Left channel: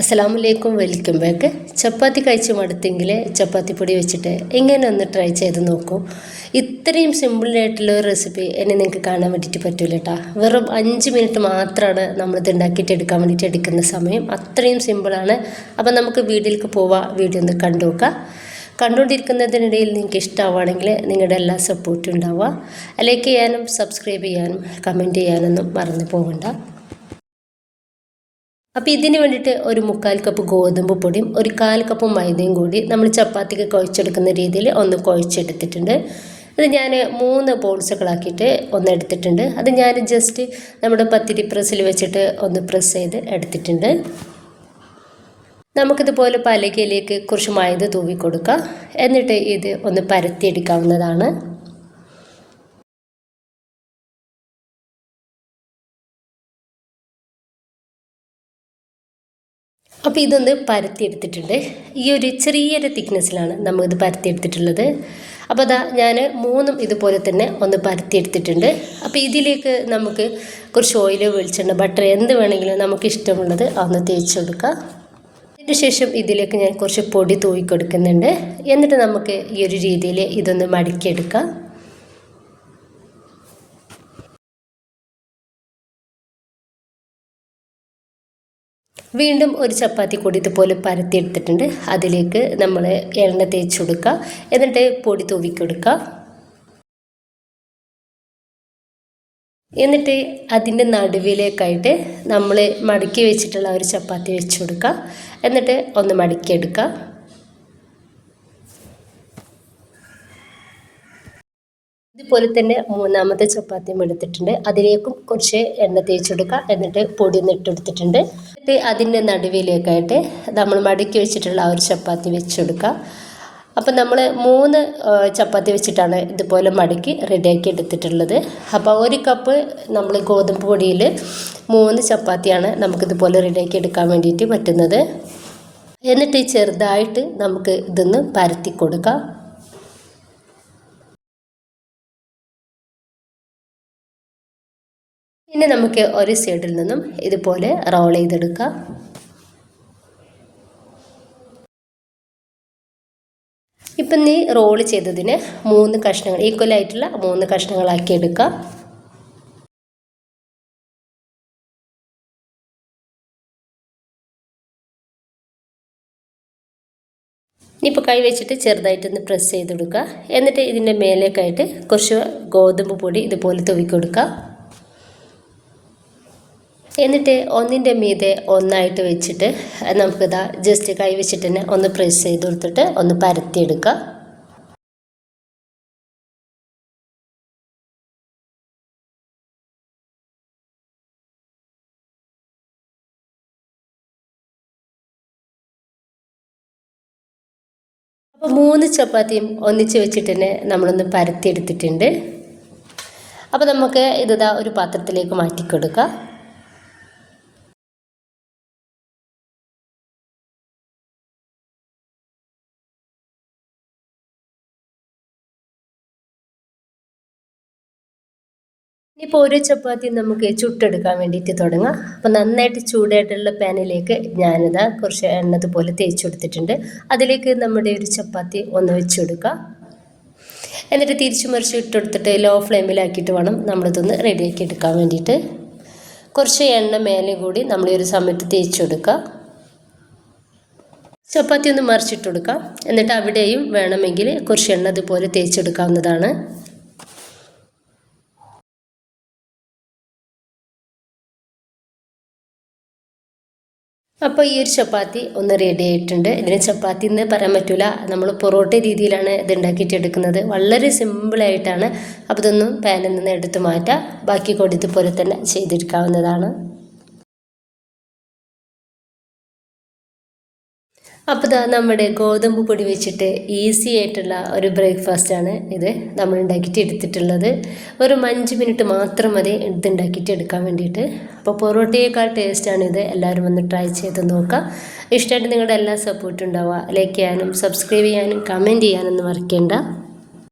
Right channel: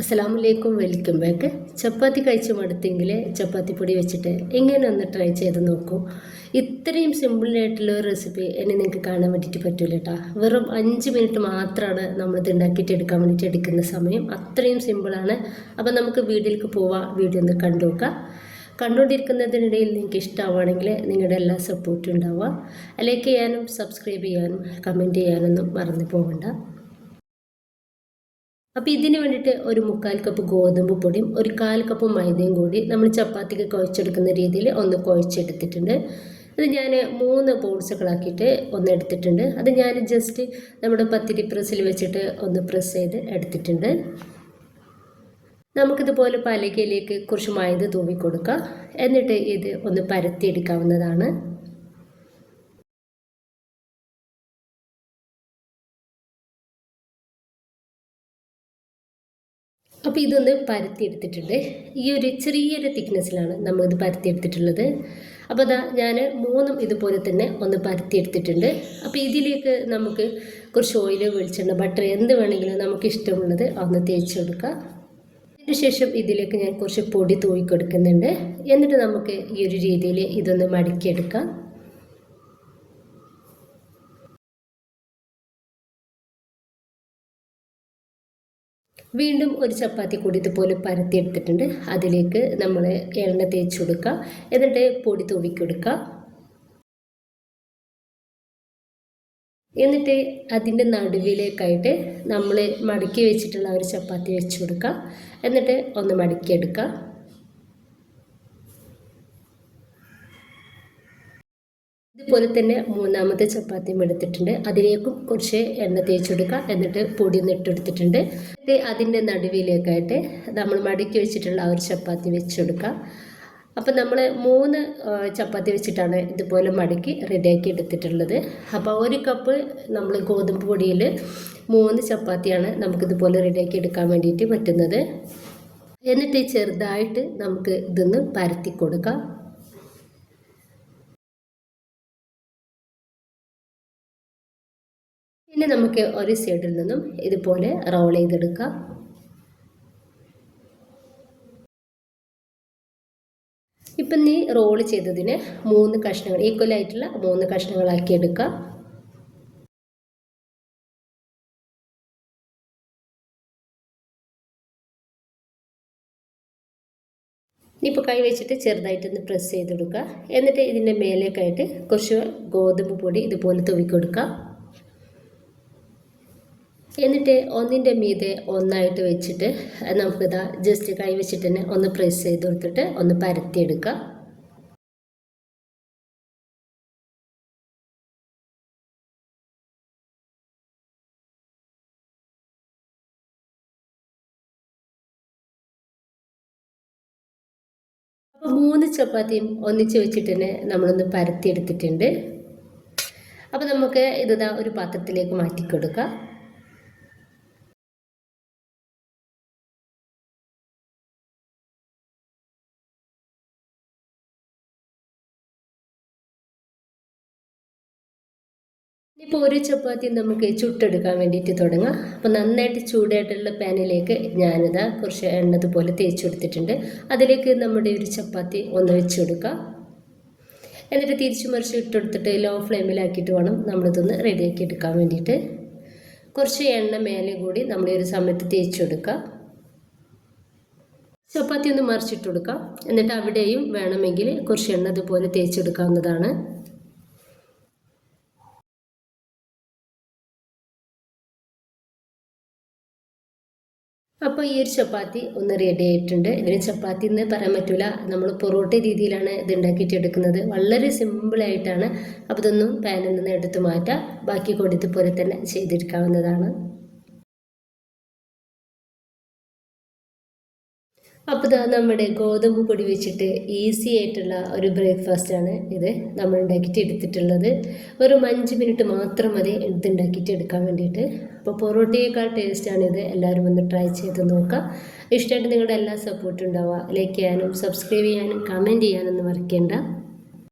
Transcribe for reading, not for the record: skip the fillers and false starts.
അസ്സലാമലൈക്കും, welcome back. ചപ്പാത്തി കഴിച്ച് മടുത്തെങ്കിൽ ചപ്പാത്തി പൊടി വെച്ചിട്ട് ഇങ്ങനെ ഒന്ന് ട്രൈ ചെയ്ത് നോക്കൂ. ഇത്രയും സിമ്പിളായിട്ടുള്ള ഒരു റെസിപ്പി എന്നെ നിങ്ങൾക്ക് കാണാൻ വേണ്ടിയിട്ട് പറ്റില്ല കേട്ടോ. വെറും 5 മിനിറ്റ് മാത്രമാണ് നമ്മളിത് ഉണ്ടാക്കിയിട്ട് എടുക്കാൻ വേണ്ടിയിട്ട് എടുക്കുന്ന സമയം. അത്രയും സിമ്പിളാണ്. അപ്പം നമുക്ക് വീഡിയോയിലേക്ക് പോവാം. വീഡിയോ ഒന്ന് കണ്ടു നോക്കാം. കണ്ടുകൊണ്ടിരിക്കുന്നതിനിടയിൽ നിങ്ങൾക്ക് ഇഷ്ടമാവുകയാണെങ്കിൽ നിങ്ങളുടെ എല്ലാ സപ്പോർട്ടും ഉണ്ടാവുക. ലൈക്ക് ചെയ്യാനും സബ്സ്ക്രൈബ് ചെയ്യാനും കമൻറ്റ് ചെയ്യാനൊന്നും മറന്നു പോകണ്ട. അപ്പോൾ ഇതിന് വേണ്ടിയിട്ട് ഒരു 1/4 കപ്പ് ഗോതമ്പ് പൊടിയും 1/4 കപ്പ് മൈദയും കൂടി നമ്മൾ ചപ്പാത്തിക്ക് കുഴച്ചെടുക്കുന്ന രീതിയിൽ ഒന്ന് കുഴച്ചെടുത്തിട്ടുണ്ട്. ഇത് ഞാൻ 3 ബോൾസുകളാക്കിയിട്ട് ഒന്ന് എടുത്തിട്ടുണ്ട്. അത് ഞാൻ ജസ്റ്റ് നമ്മുടെ പത്തിരി പ്രസ്സിൽ വെച്ചിട്ട് ഒന്ന് പ്രസ് ചെയ്ത് എടുത്തിട്ടുണ്ട്. നമുക്കിതുപോലെ പലകയിലേക്ക് കുറച്ച് മൈദ തൂവി കൊടുക്കാം. എന്നിട്ട് ഇത് ഒന്ന് പരത്തിയെടുക്കാവുന്നതാണ്. അപ്പോൾ ഇതൊന്ന് പരത്തിയെടുത്തിട്ടുണ്ട്. ഈ ഒരു ചെറിയൊരു തിക്നെസ്സിലാണ് നമ്മളിത് പരത്തിയെടുത്തിട്ടുള്ളത്. അപ്പോൾ അതാ ഞാൻ 3 ഇതുപോലെ തന്നെ ഒന്ന് പരത്തിയെടുത്തിട്ടുണ്ട്. അപ്പോൾ ഇതിലേക്ക് നമുക്ക് കുറച്ച് ഓയിൽ, വെളിച്ചെണ്ണ, ബട്ടർ എന്ത് വേണമെങ്കിലും നമുക്ക് ഇഷ്ടമുള്ളത് ഒന്ന് തേച്ച് കൊടുക്കുക. അതിന് ശേഷം ഇതിലേക്ക് ഞാൻ കുറച്ച് പൊടി തൂവി കൊടുക്കുന്നുണ്ട്. എന്നിട്ട് നമുക്ക് ഈ ഒരു രീതിയിൽ ഇതൊന്ന് മടക്കിയെടുക്കാം. വീണ്ടും ഒരു ചപ്പാത്തി കൂടി ഇതുപോലെ പരത്തിയെടുത്തിട്ടുണ്ട്. അതിലേക്ക് നമ്മൾ എണ്ണ തേച്ച് കൊടുക്കുക. എന്നിട്ട് പൊടി തൂവി കൊടുക്കുക. എന്നിട്ട് അതിൻ്റെ നടുവിലേക്കായിട്ട് നമ്മൾ മടക്കി വെച്ചിട്ടുള്ള ഒരു ചപ്പാത്തി വെച്ച് കൊടുക്കുക. എന്നിട്ട് ഒന്ന് മടക്കിയെടുക്കുക. ഇതുപോലെ തന്നെ 3ാമത്തെ ചപ്പാത്തിയും എടുത്തിട്ടുണ്ട്. അതിലേക്കും കുറച്ച് എണ്ണ തേച്ചെടുക്കുക. എന്നിട്ട് പൊടി ഒന്ന് ഇട്ടെടുത്തിട്ടുണ്ട്. എന്നിട്ട് അതിൻ്റെ നടുവിലേക്കായിട്ട് നമ്മൾ മടക്കി വെച്ചിട്ടുള്ള ആ ഒരു ചപ്പാത്തി വെച്ചെടുക്കുക. അപ്പം നമ്മൾ 3 ചപ്പാത്തി വെച്ചിട്ടാണ് ഇതുപോലെ മടക്കി റെഡിയാക്കി എടുത്തിട്ടുള്ളത്. അപ്പോൾ 1 കപ്പ് നമ്മൾ ഗോതമ്പ് പൊടിയിൽ 3 ചപ്പാത്തിയാണ് നമുക്കിതുപോലെ റെഡിയാക്കി എടുക്കാൻ വേണ്ടിയിട്ട് പറ്റുന്നത്. എന്നിട്ട് ചെറുതായിട്ട് നമുക്ക് ഇതൊന്ന് പരത്തി കൊടുക്കാം. ഇനി നമുക്ക് ഒരു സൈഡിൽ നിന്നും ഇതുപോലെ റോൾ ചെയ്തെടുക്കാം. ഇപ്പം നീ റോൾ ചെയ്തതിന് 3 കഷ്ണങ്ങൾ, ഈക്വലായിട്ടുള്ള 3 കഷ്ണങ്ങളാക്കി എടുക്കാം. ഇനിയിപ്പോൾ കൈ വെച്ചിട്ട് ചെറുതായിട്ടൊന്ന് പ്രസ് ചെയ്ത് കൊടുക്കുക. എന്നിട്ട് ഇതിൻ്റെ മേലേക്കായിട്ട് കുറച്ച് ഗോതമ്പ് പൊടി ഇതുപോലെ തൂവി കൊടുക്കുക. എന്നിട്ട് ഒന്നിൻ്റെ മീതെ ഒന്നായിട്ട് വെച്ചിട്ട് നമുക്കിതാ ജസ്റ്റ് കൈ വെച്ചിട്ട് തന്നെ ഒന്ന് പ്രസ് ചെയ്ത് കൊടുത്തിട്ട് ഒന്ന് പരത്തിയെടുക്കുക. അപ്പോൾ 3 ചപ്പാത്തിയും ഒന്നിച്ച് വെച്ചിട്ട് തന്നെ നമ്മളൊന്ന് പരത്തിയെടുത്തിട്ടുണ്ട്. അപ്പോൾ നമുക്ക് ഇതാ ഒരു പാത്രത്തിലേക്ക് മാറ്റി കൊടുക്കുക. ഇപ്പോൾ ഒരു ചപ്പാത്തി നമുക്ക് ചുട്ടെടുക്കാൻ വേണ്ടിയിട്ട് തുടങ്ങാം. അപ്പോൾ നന്നായിട്ട് ചൂടായിട്ടുള്ള പാനിലേക്ക് ഞാനിതാ കുറച്ച് എണ്ണ ഇതുപോലെ തേച്ച് കൊടുത്തിട്ടുണ്ട്. അതിലേക്ക് നമ്മുടെ ഒരു ചപ്പാത്തി ഒന്ന് വെച്ച് കൊടുക്കുക. എന്നിട്ട് തിരിച്ചു മറിച്ച് ഇട്ടെടുത്തിട്ട് ലോ ഫ്ലെയിമിലാക്കിയിട്ട് വേണം നമ്മളിതൊന്ന് റെഡിയാക്കി എടുക്കാൻ വേണ്ടിയിട്ട്. കുറച്ച് എണ്ണ മേലെ കൂടി നമ്മൾ ഒരു സമയത്ത് തേച്ച് കൊടുക്കുക. ചപ്പാത്തി ഒന്ന് മറിച്ചിട്ട് കൊടുക്കുക. എന്നിട്ട് അവിടെയും വേണമെങ്കിൽ കുറച്ച് എണ്ണ ഇതുപോലെ തേച്ചെടുക്കാവുന്നതാണ്. അപ്പോൾ ഈ ഒരു ചപ്പാത്തി ഒന്ന് റെഡി ആയിട്ടുണ്ട്. ഇതിന് ചപ്പാത്തി എന്ന് പറയാൻ പറ്റില്ല, നമ്മൾ പൊറോട്ട രീതിയിലാണ് ഇത് ഉണ്ടാക്കിയിട്ട് എടുക്കുന്നത്. വളരെ സിമ്പിളായിട്ടാണ്. അപ്പോൾ ഇതൊന്നും പാനിൽ നിന്ന് എടുത്ത് മാറ്റാം. ബാക്കി കൂടി ഇതുപോലെ തന്നെ ചെയ്തെടുക്കാവുന്നതാണ്. അപ്പോൾ ഇതാ നമ്മുടെ ഗോതമ്പ് പൊടി വെച്ചിട്ട് ഈസി ആയിട്ടുള്ള ഒരു ബ്രേക്ക്ഫാസ്റ്റാണ് ഇത് നമ്മൾ ഉണ്ടാക്കിയിട്ട് എടുത്തിട്ടുള്ളത്. വെറും 5 മിനിറ്റ് മാത്രം മതി ഇത് ഉണ്ടാക്കിയിട്ട് എടുക്കാൻ വേണ്ടിയിട്ട്. അപ്പോൾ പൊറോട്ടയേക്കാൾ ടേസ്റ്റാണിത്. എല്ലാവരും ഒന്ന് ട്രൈ ചെയ്ത് നോക്കുക. ഇഷ്ടമായിട്ട് നിങ്ങളുടെ എല്ലാ സപ്പോർട്ടും ഉണ്ടാവുക. ലൈക്ക് ചെയ്യാനും സബ്സ്ക്രൈബ് ചെയ്യാനും കമൻറ്റ് ചെയ്യാനൊന്നും മറക്കേണ്ട.